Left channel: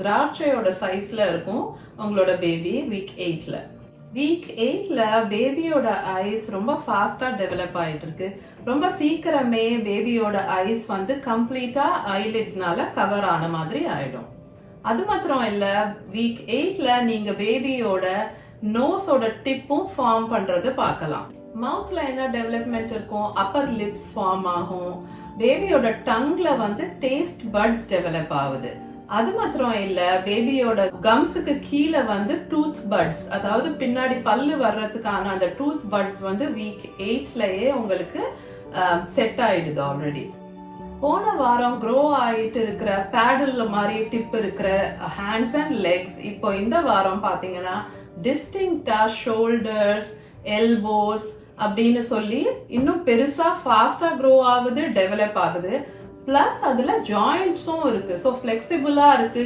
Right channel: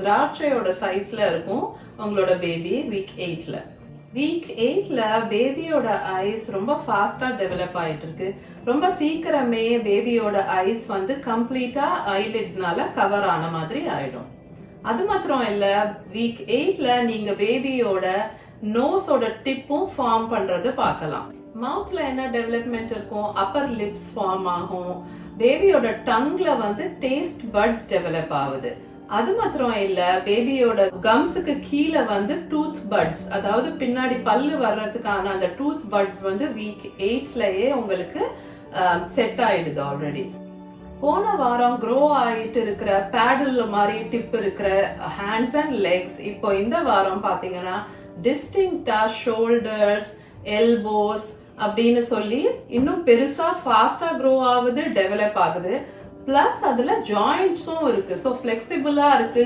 திராட்சையோட சைஸ்ல இருக்கும் உங்களோட பேபி வீக் 8ல. வீக் 8ல பேபியோட ஐஸ் ரொம்ப ஃபாஸ்டா டெவலப் ஆயிட்டு இருக்கு. ரொம்ப சீக்கிரமே பேபியோட ஐஸ் வந்து கம்ப்ளீட்டா ஐலிட்ஸ்னால கவர் ஆன மாதிரி ஆயிடும். அது மாத்திரம் இல்ல, வீக் 8ல நீங்க பேபியோட நோஸோட டிப்பும் ஃபார்ம் பண்றது பார்க்கலாம். மவுத்ல என்ன டெவலப்மெண்ட் இருக்கும், அப்பர் லிப்ஸ் ஃபார்ம் ஆகும். பேபியோட டங்ல வந்து டேஸ்ட் பட்ஸ் டெவலப் ஆகுது. அது மாத்திரம் இல்ல, பேபியோட கம்ஸுக்கு கீழே வந்து டூத் பட்ஸ், அதாவது பின்னாடி பல்லு வர்றதுக்கான அந்த டூத் பட்ஸ் வந்து வீக் 8லயே உங்களுக்கு செட் ஆயிடுது ஆல்ரெடி. போன வாரம் க்ரோ ஆயிட்டு இருக்கிற பேடல் மாதிரி டிப் இருக்கிற ஹேண்ட்ஸ் அண்ட் லெக்ஸ் இப்போ இந்த வாரம் பாத்தீங்கன்னா டிஸ்டிங்டா ஷோல்டர்ஸ், எல்போஸ் அப்படின்னு சொல்லி இன்னும் பெருசா ஃபாஸ்டா க்ரோ ஆகுது, டெவலப் ஆகுது. பிளஸ் அதுல ஜாயிண்ட்ஸும் இருக்கு. ஸோ ஃபிளெக்சிபிளா இருக்கு.